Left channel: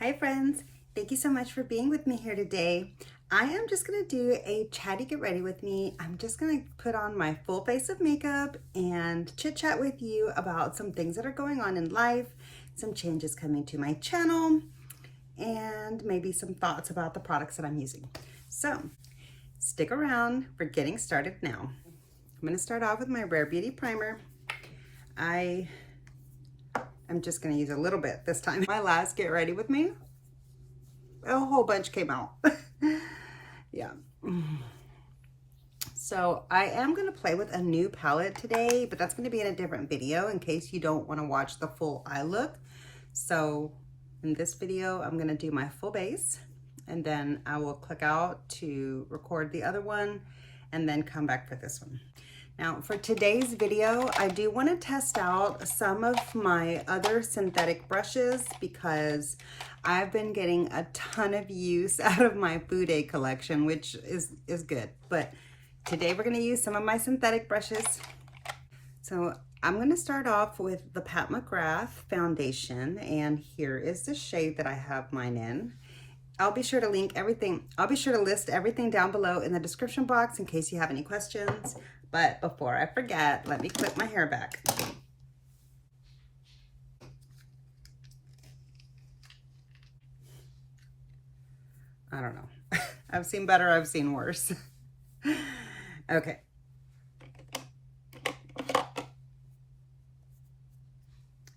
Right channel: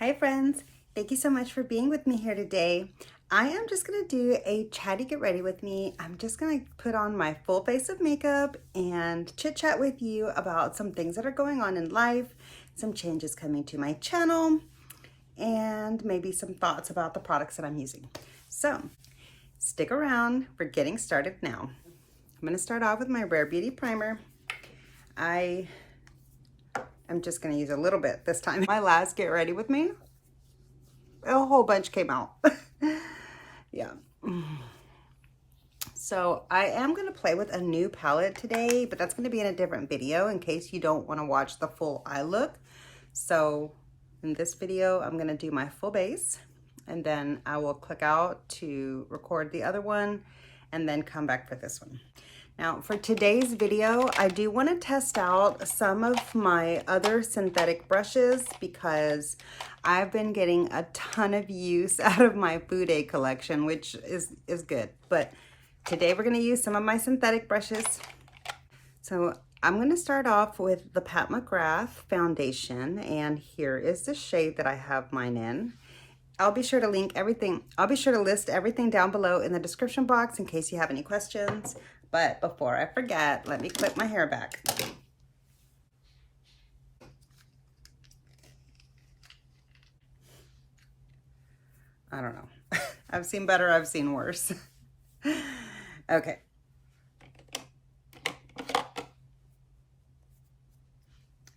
Hi friends, thank you so much for being with me here today. I am just gonna do a chatty get ready with me. I'm just gonna put on my full face of makeup and chit chat with you about some things that are going on in life, some changes coming to my channel, and maybe some thoughts about the products that I'm using. So stick around, we're getting started now. I'm gonna start off with my Rare Beauty primer. I'm just gonna use a little bit this time. My last get ready with me, a whole bunch came out. Yeah. So I am gonna play with a new palette today, but that's gonna be in a different video in case you don't wanna watch the full eye look. So in this video, I'm gonna do my full base and then I will click out to record the other one and then come back for this one. Now for today's video, I do want to test out some of my other synthetic brushes because I've been getting a ton of use out of my Boudet collection, which is good. But today we're going to use some of my synthetic brushes. So I'm going to start off with the Pat McGrath foundation, and here is the shade that I have mine in. I'll be sure to link everything. I'll be sure to list everything down below in the description box in case you have any questions. But before I forget, let me clip my hair back. I don't know. I've seen better, I've seen worse. Okay.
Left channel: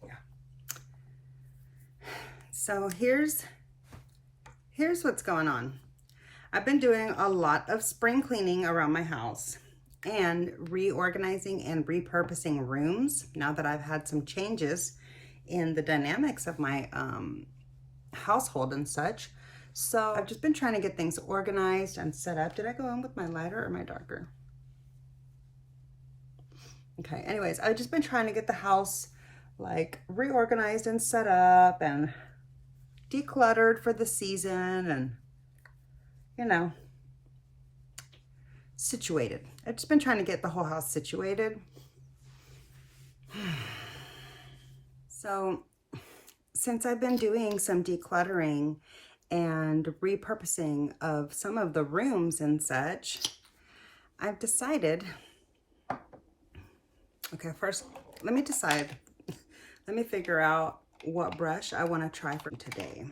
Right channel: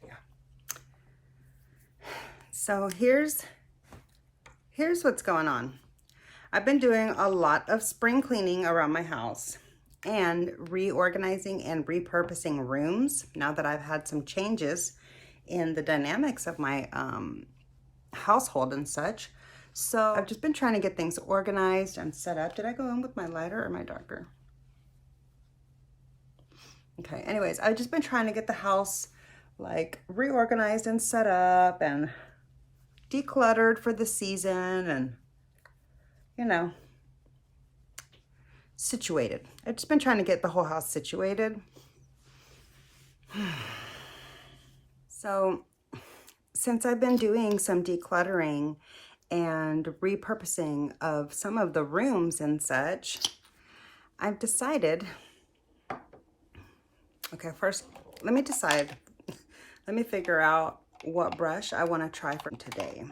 Yeah. So here's what's going on. I've been doing a lot of spring cleaning around my house and reorganizing and repurposing rooms now that I've had some changes in the dynamics of my household and such. So I've just been trying to get things organized and set up. Did I go in with my lighter or my darker? Okay, anyways, I've just been trying to get the house like reorganized and set up and decluttered for the season and, you know, situated. I've just been trying to get the whole house situated. So since I've been doing some decluttering and repurposing of some of the rooms and such, I've decided, okay, first let me decide, let me figure out what brush I want to try for today.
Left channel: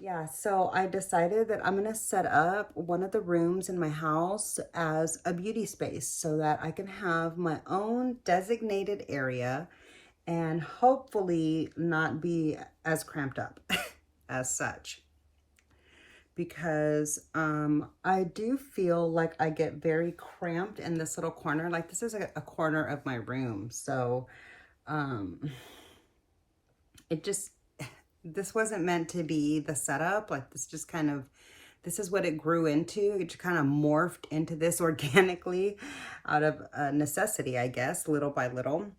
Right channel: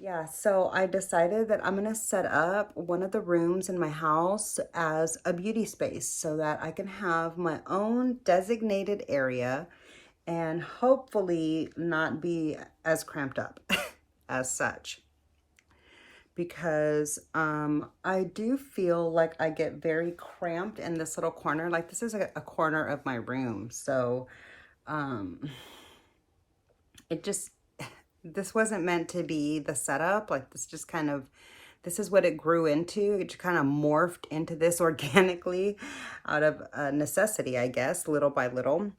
Yeah, so I decided that I'm going to set up one of the rooms in my house as a beauty space so that I can have my own designated area and hopefully not be as cramped up as such. Because I do feel like I get very cramped in this little corner. Like this is a corner of my room. So this wasn't meant to be the setup. Like this just kind of, this is what it grew into. It just kind of morphed into this organically out of necessity, I guess, little by little.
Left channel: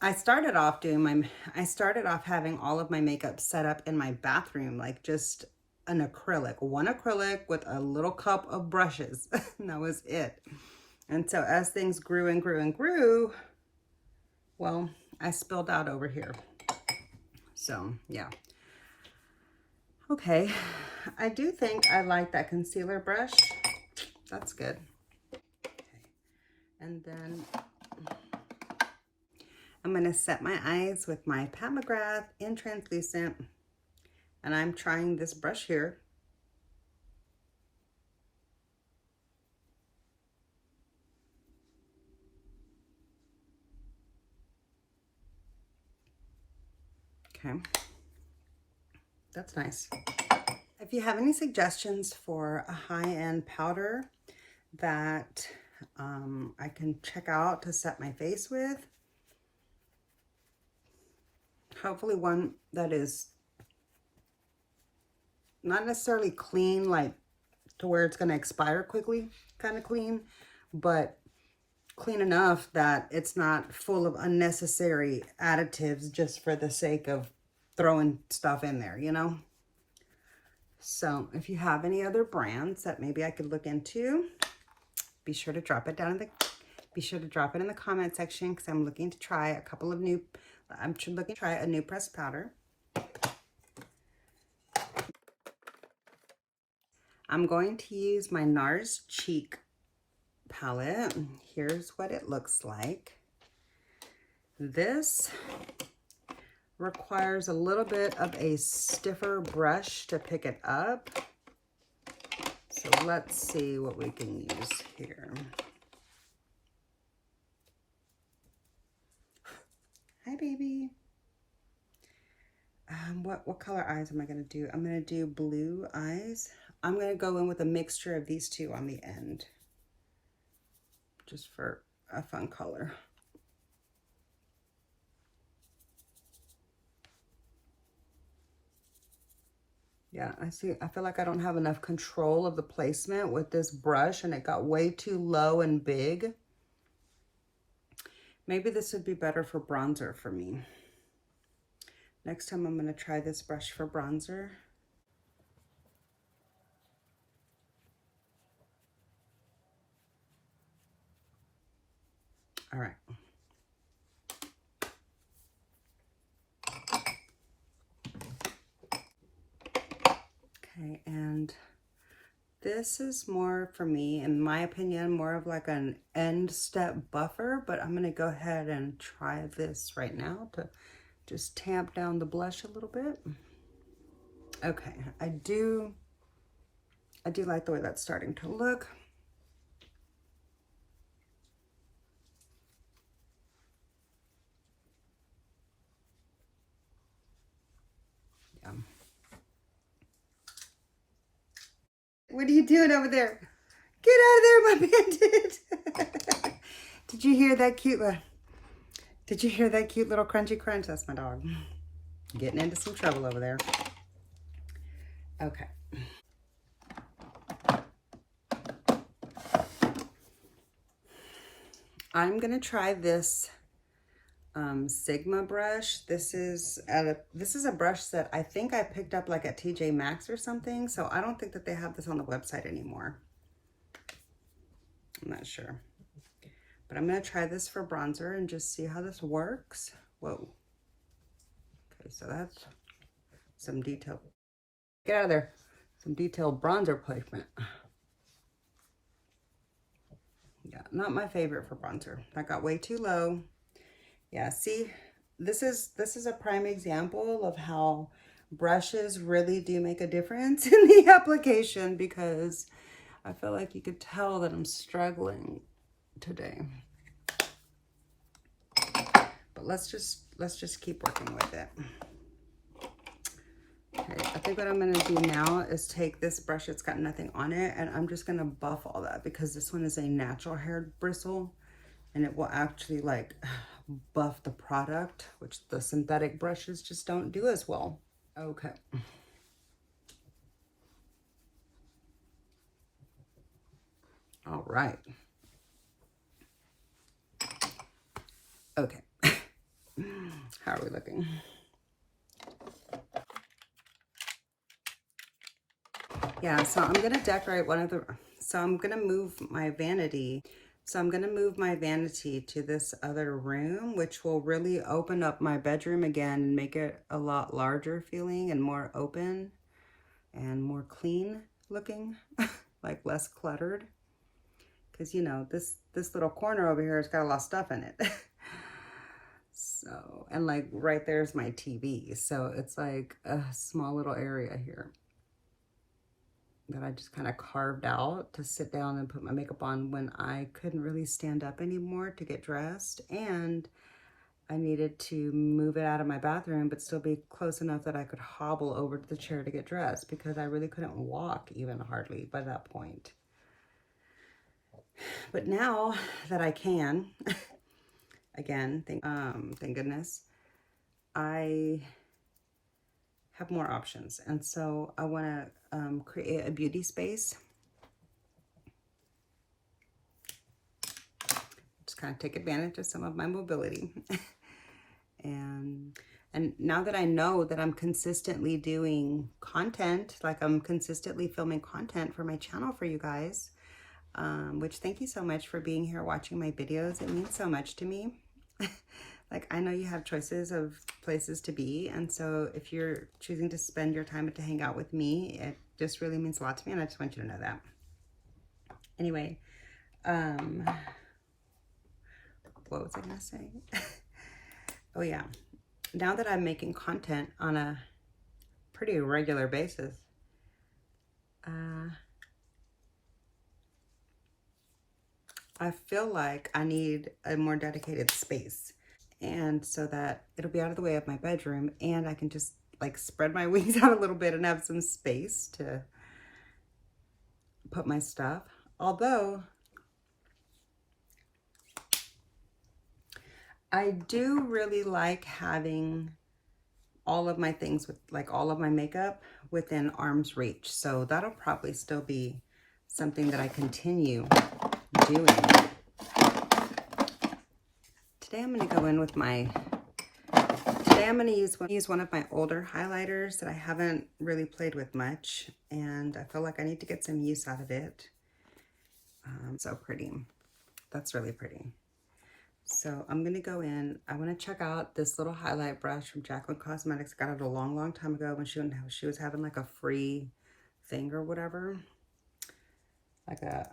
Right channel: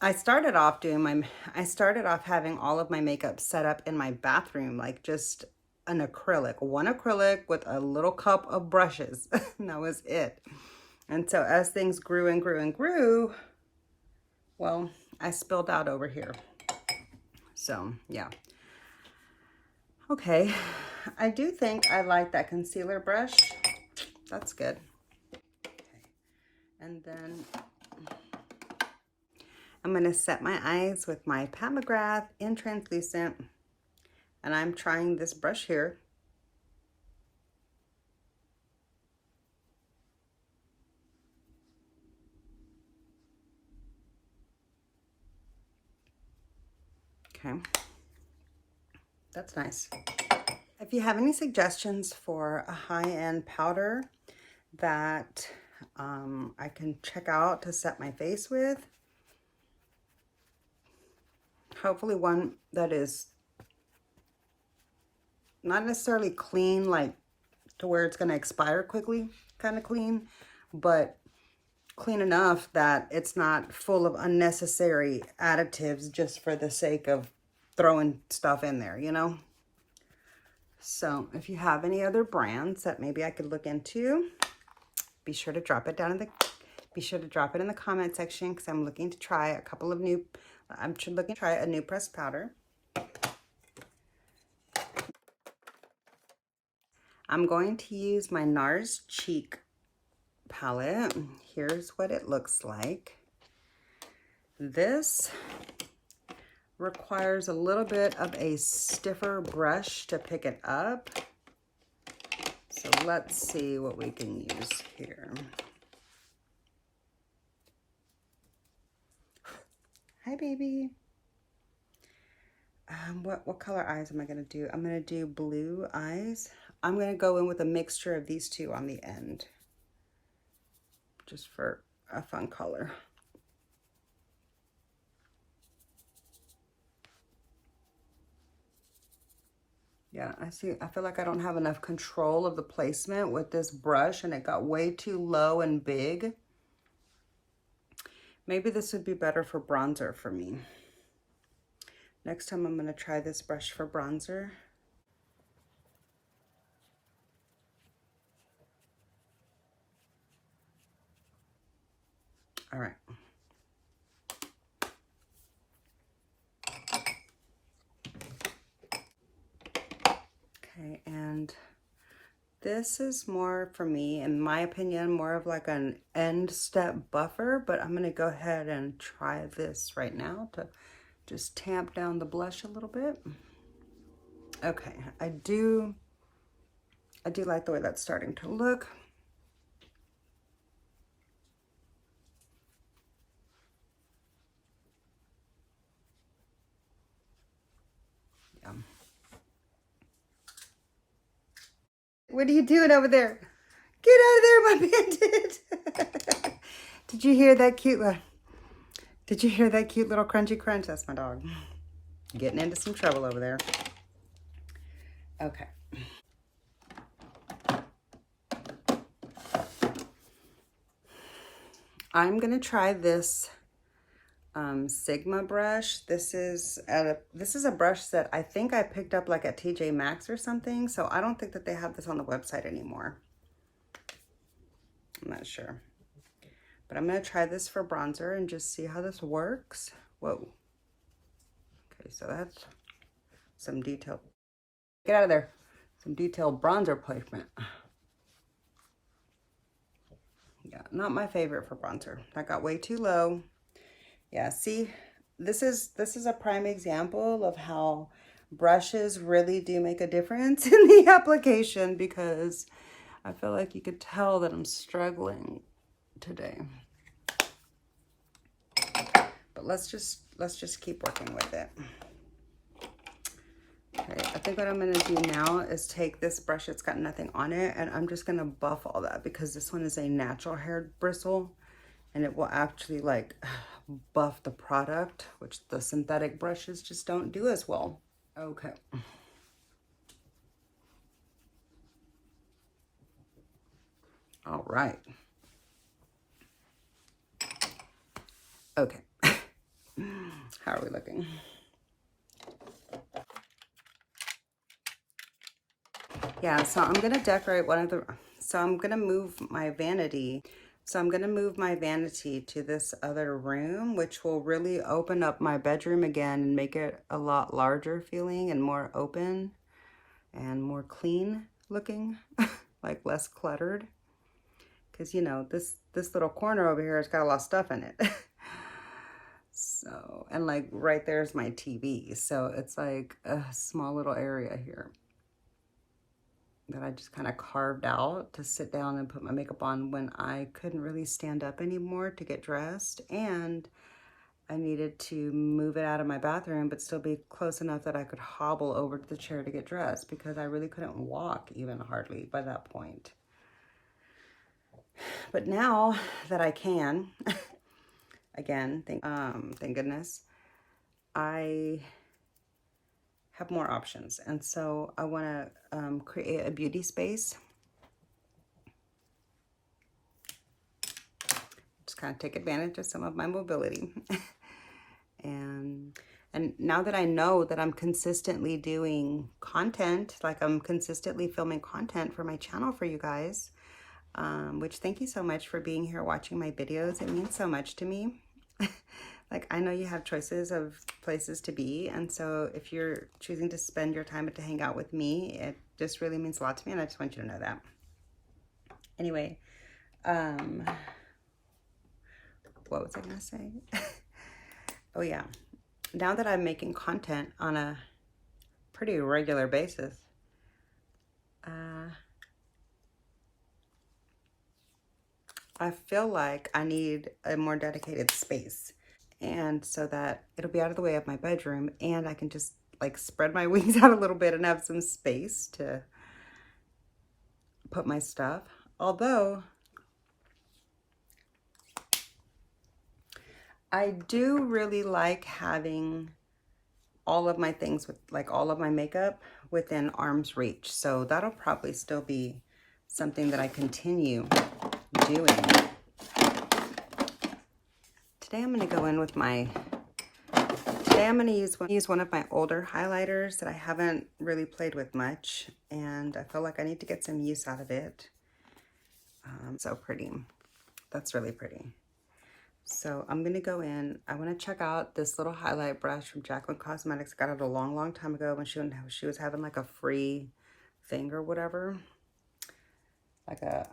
I started off having all of my makeup set up in my bathroom, like just one acrylic with a little cup of brushes. And that was it. And so as things grew and grew and grew, well, I spilled out over here. So yeah. Okay, I do think I like that concealer brush. That's good. Okay. And then I'm gonna set my eyes with my Pat McGrath in translucent, and I'm trying this brush here. Okay, that's nice. If you have any suggestions for a high-end powder that I can check out to set my face with, hopefully one that is not necessarily clean, like to where it's going to expire quickly, kind of clean, but clean enough that it's not full of unnecessary additives just for the sake of throwing stuff in there, you know? So if you have any other brands that maybe I could look into, be sure to drop it down in the Be sure to drop it in the comment section because I'm looking to try a couple of new, I'm looking to try a new pressed powder. I'm going to use my NARS Cheek palette. Here's what it looks like. This requires a little bit of a stiffer brush to pick it up. So let's see what we can use here. Hi, baby. What color eyes am I going to do? I'm going to do blue eyes. I'm going to go in with a mixture of these two on the end, just for a fun color. Yeah, I feel like I don't have enough control of the placement with this brush, and it got way too low and big. Maybe this would be better for bronzer for me. Next time I'm going to try this brush for bronzer. All right. Okay, and this is more, for me, in my opinion, more of like an end step buffer, but I'm gonna go ahead and try this right now to just tamp down the blush a little bit. Okay, I do like the way that's starting to look. Yeah. What are you doing over there? Get out of there, my bandit. Did you hear that cute little crunchy crunch? That's my dog. Getting into some trouble over there. Okay. I'm gonna try this Sigma brush. This is a brush that I think I picked up like at TJ Maxx or something. So I don't think that they have this on the website anymore. I'm not sure. But I'm gonna try this for bronzer and just see how this works. Whoa. Okay, so that's some detail. Get out of there. Some detailed bronzer placement. Yeah, not my favorite for bronzer. That got way too low. Yeah, see, this is a prime example of how brushes really do make a difference in the application, because I feel like you could tell that I'm struggling today. But let's just keep working with it. Okay, I think what I'm gonna do now is take this brush, it's got nothing on it, and I'm just gonna buff all that, because this one is a natural hair bristle and it will actually like buff the product, which the synthetic brushes just don't do as well. Okay. All right. Okay. How are we looking? Yeah, so I'm gonna decorate so I'm gonna move my vanity. So I'm gonna move my vanity to this other room, which will really open up my bedroom again and make it a lot larger feeling and more open and more clean looking, like less cluttered. Because, you know, this little corner over here has got a lot of stuff in it. So, and like right there's my TV. So it's like a small little area here that I just kind of carved out to sit down and put my makeup on when I couldn't really stand up anymore to get dressed. And I needed to move it out of my bathroom, but still be close enough that I could hobble over to the chair to get dressed, because I really couldn't walk even hardly by that point. But now that I can, again, thank goodness, I have more options. And so I want to create a beauty space. Just kind of take advantage of some of my mobility. and now that I know that I'm consistently doing content, like I'm consistently filming content for my channel for you guys, which thank you so much for being here watching my videos. It means so much to me. Like, I know you have choices of places to be, and so if you're choosing to spend your time to hang out with me, it just really means a lot to me, and I just want you to know that. Anyway, what was I gonna say? Oh yeah, now that I'm making content on a pretty regular basis, I feel like I need a more dedicated space, and so that it'll be out of the way of my bedroom, and I can just like spread my wings out a little bit and have some space to put my stuff. Although I do really like having all of my things with like all of my makeup within arm's reach. So that'll probably still be something that I continue doing. Today I'm going to go in with my, today I'm going to use one of my older highlighters that I haven't really played with much, and I feel like I need to get some use out of it. So pretty. That's really pretty. So I'm going to go in. I want to check out this little highlight brush from Jaclyn Cosmetics. I got it a long time ago when she was having like a free thing or whatever. Like a,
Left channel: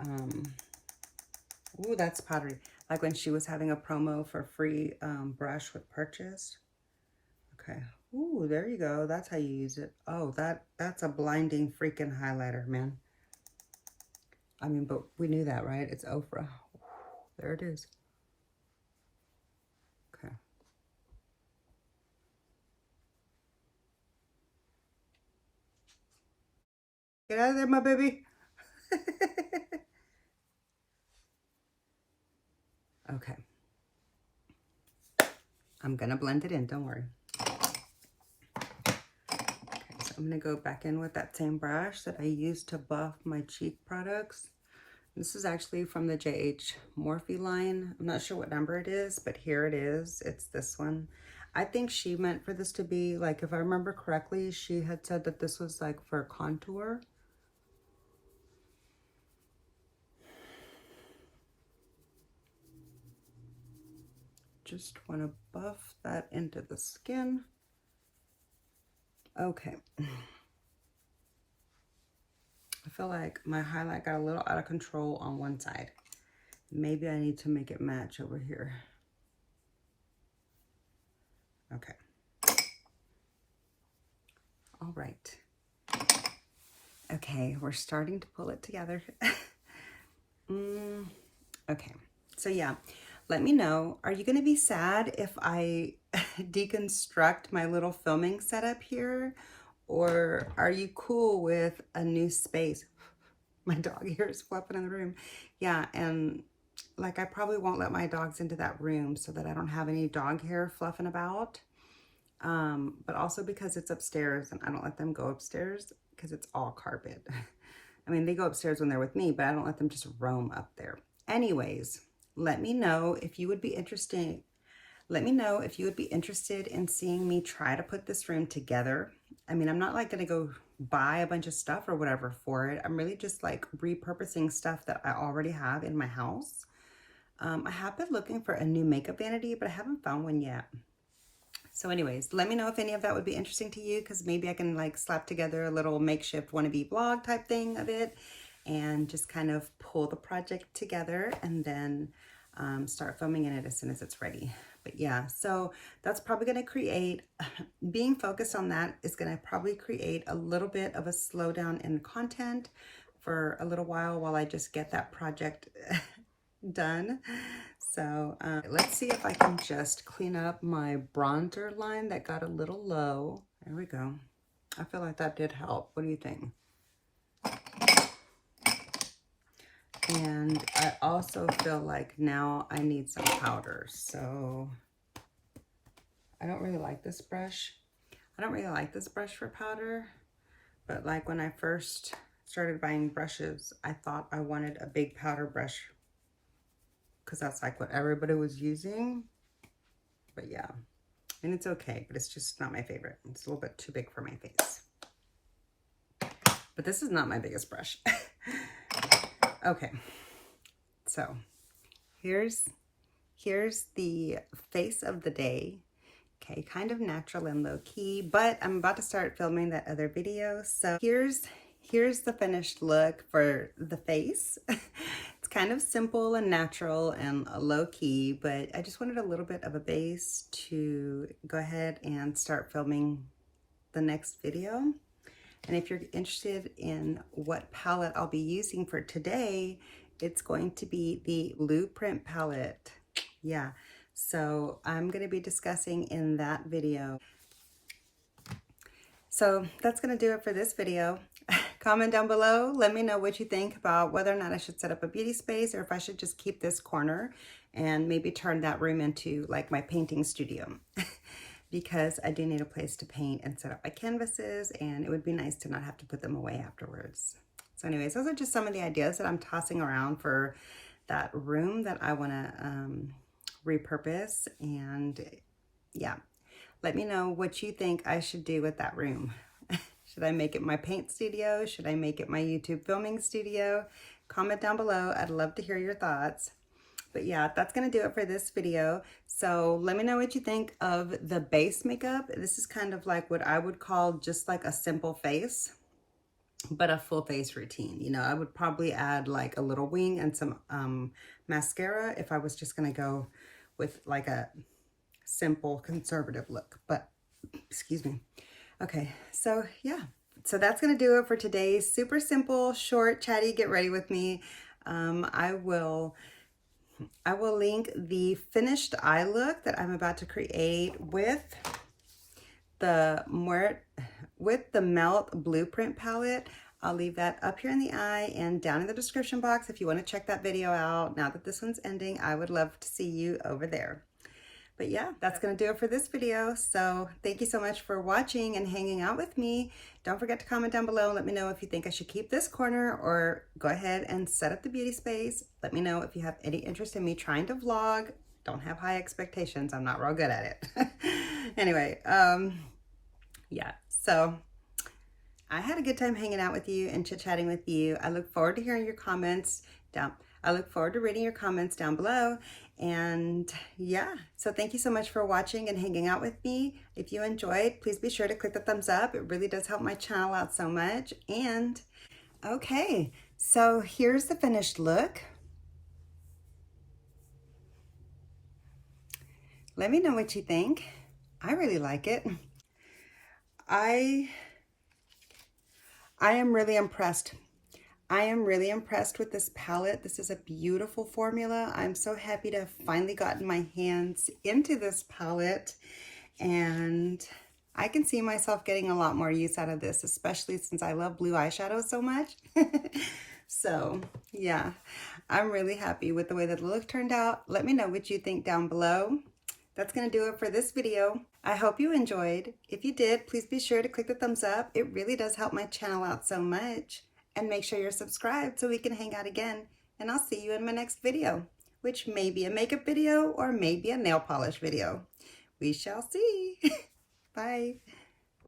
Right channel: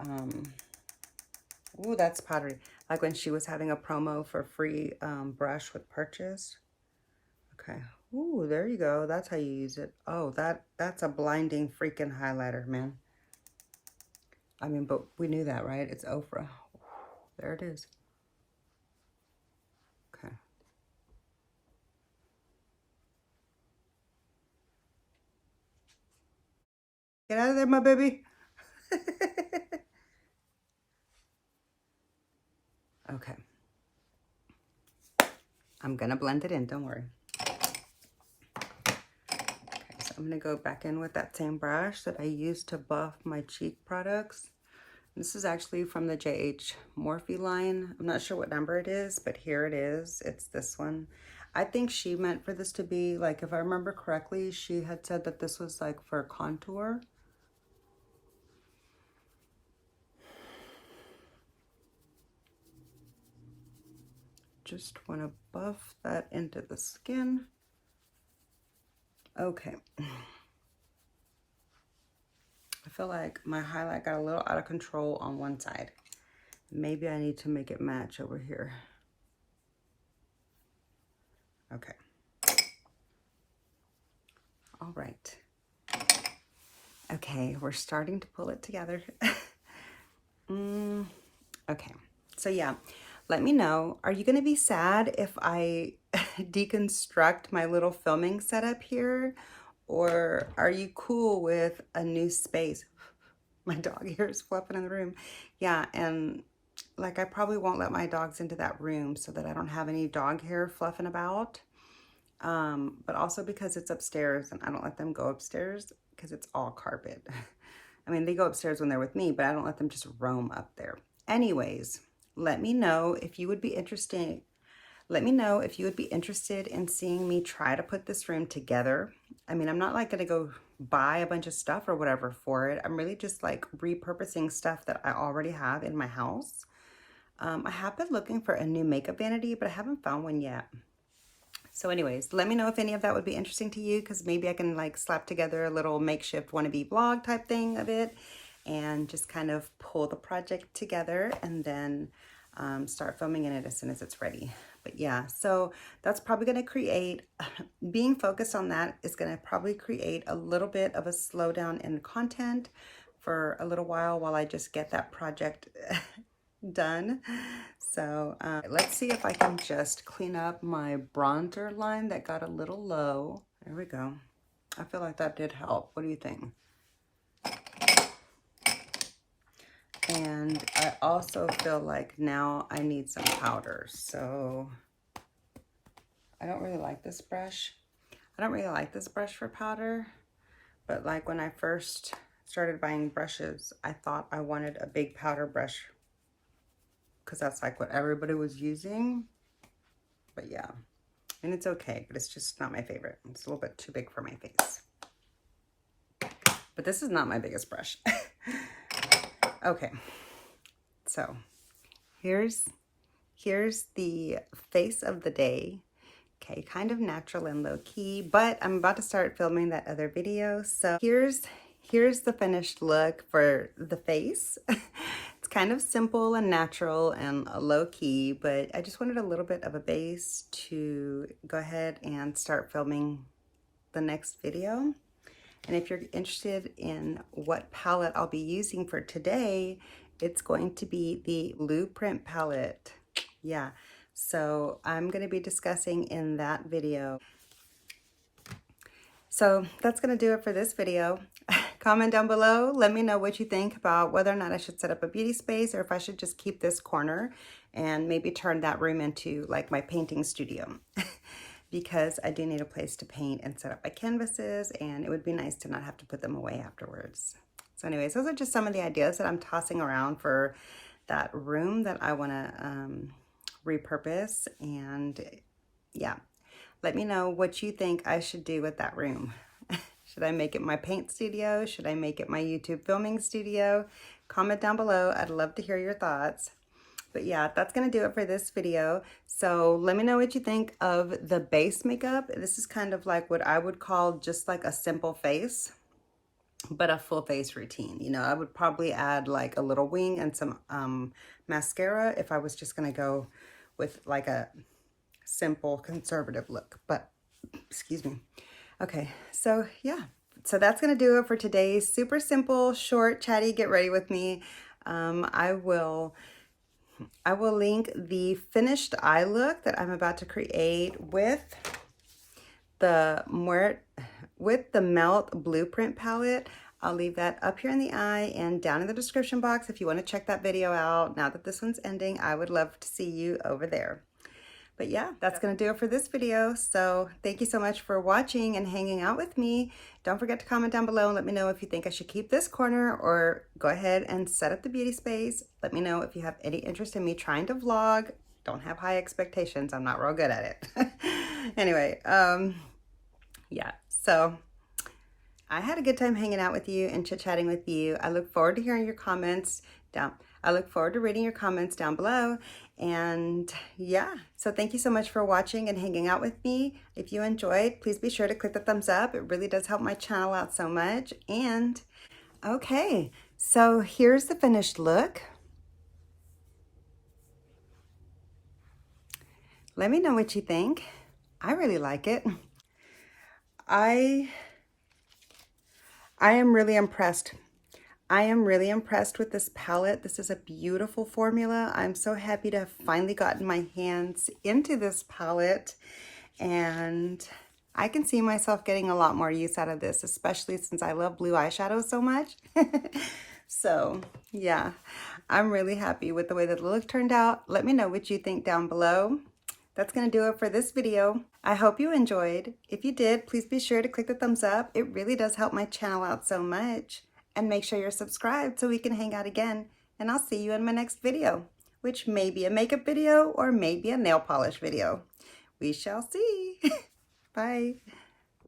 ooh, that's pottery. Like when she was having a promo for free brush with purchase. Okay. Ooh, there you go. That's how you use it. Oh, that's a blinding freaking highlighter, man. I mean, but we knew that, right? It's OFRA. There it is. Okay. Get out of there, my baby. Okay. I'm gonna blend it in, don't worry. Okay, so I'm gonna go back in with that same brush that I used to buff my cheek products. This is actually from the Morphe line. I'm not sure what number it is, but here it is. It's this one. I think she meant for this to be, like, if I remember correctly, she had said that this was like for contour. Just want to buff that into the skin. Okay. I feel like my highlight got a little out of control on one side. Maybe I need to make it match over here. Okay. All right. Okay, we're starting to pull it together. Okay, so yeah, let me know. Are you going to be sad if I deconstruct my little filming setup here? Or are you cool with a new space? My dog here is fluffing in the room. Yeah, and like I probably won't let my dogs into that room so that I don't have any dog hair fluffing about. But also because it's upstairs and I don't let them go upstairs because it's all carpet. I mean, they go upstairs when they're with me, but I don't let them just roam up there. Anyways, let me know if you would be interested. Let me know if you would be interested in seeing me try to put this room together. I mean, I'm not like gonna go buy a bunch of stuff or whatever for it. I'm really just like repurposing stuff that I already have in my house. I have been looking for a new makeup vanity, but I haven't found one yet. So anyways, let me know if any of that would be interesting to you, because maybe I can like slap together a little makeshift wannabe vlog type thing of it and just kind of pull the project together and then start filming in it as soon as it's ready. But yeah, so that's probably going to create, being focused on that is going to probably create a little bit of a slowdown in content for a little while I just get that project done. So let's see if I can just clean up my bronzer line that got a little low. There we go. I feel like that did help. What do you think? And I also feel like now I need some powder. So I don't really like this brush. I don't really like this brush for powder, but like when I first started buying brushes, I thought I wanted a big powder brush because that's like what everybody was using. But yeah, and it's okay, but it's just not my favorite. It's a little bit too big for my face. But this is not my biggest brush. Okay, So here's the face of the day. Okay, kind of natural and low-key, but I'm about to start filming that other video. So here's the finished look for the face. It's kind of simple and natural and low-key, but I just wanted a little bit of a base to go ahead and start filming the next video. And if you're interested in what palette I'll be using for today, it's going to be the Blueprint palette. Yeah. So I'm going to be discussing in that video. So that's going to do it for this video. Comment down below. Let me know what you think about whether or not I should set up a beauty space or if I should just keep this corner and maybe turn that room into like my painting studio. Because I do need a place to paint and set up my canvases, and it would be nice to not have to put them away afterwards. So anyways, those are just some of the ideas that I'm tossing around for that room that I want to repurpose. And yeah, let me know what you think I should do with that room. Should I make it my paint studio? Should I make it my YouTube filming studio? Comment down below. I'd love to hear your thoughts. But yeah, that's going to do it for this video. So let me know what you think of the base makeup. This is kind of like what I would call just like a simple face, but a full face routine. You know, I would probably add like a little wing and some mascara if I was just going to go with like a simple conservative look. But excuse me. Okay, so yeah. So that's going to do it for today's super simple, short, chatty, get ready with me. I will link the finished eye look that I'm about to create with the Melt Blueprint palette. I'll leave that up here in the eye and down in the description box if you want to check that video out. Now that this one's ending, I would love to see you over there. But yeah, that's going to do it for this video. So thank you so much for watching and hanging out with me. Don't forget to comment down below and let me know if you think I should keep this corner or go ahead and set up the beauty space. Let me know if you have any interest in me trying to vlog. Don't have high expectations. I'm not real good at it. Anyway, yeah, so I had a good time hanging out with you and chit-chatting with you. I look forward to hearing your comments I look forward to reading your comments down below. And yeah, so thank you so much for watching and hanging out with me. If you enjoyed, please be sure to click the thumbs up. It really does help my channel out so much. And okay, so here's the finished look. Let me know what you think. I really like it. I am really impressed. I am really impressed with this palette. This is a beautiful formula. I'm so happy to have finally gotten my hands into this palette, and I can see myself getting a lot more use out of this, especially since I love blue eyeshadow so much. So yeah, I'm really happy with the way that the look turned out. Let me know what you think down below. That's going to do it for this video. I hope you enjoyed. If you did, please be sure to click the thumbs up. It really does help my channel out so much. And make sure you're subscribed so we can hang out again. And I'll see you in my next video, which may be a makeup video or maybe a nail polish video. We shall see. Bye.